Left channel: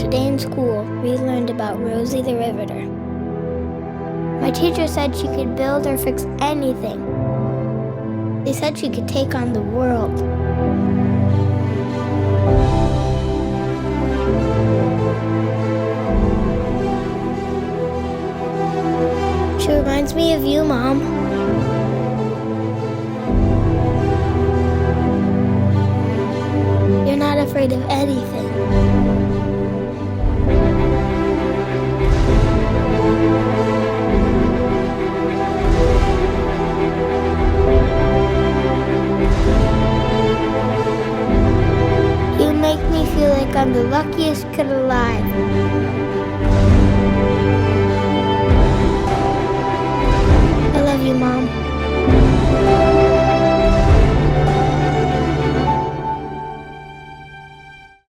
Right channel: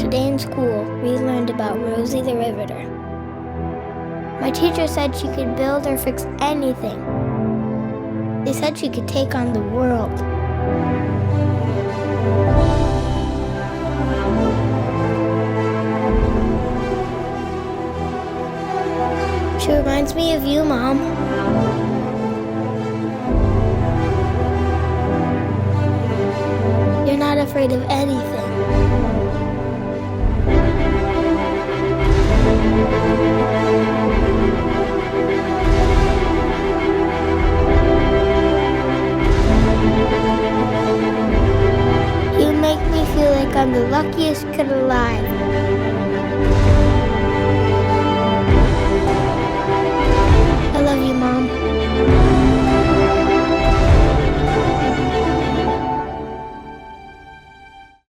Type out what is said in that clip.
Today in school, we learned about Rosie the Riveter. My teacher said she could build or fix anything. They said she could take on the world. She reminds me of you, Mom. You're not afraid of anything. You make me feel like I'm the luckiest kid alive. I love you, Mom.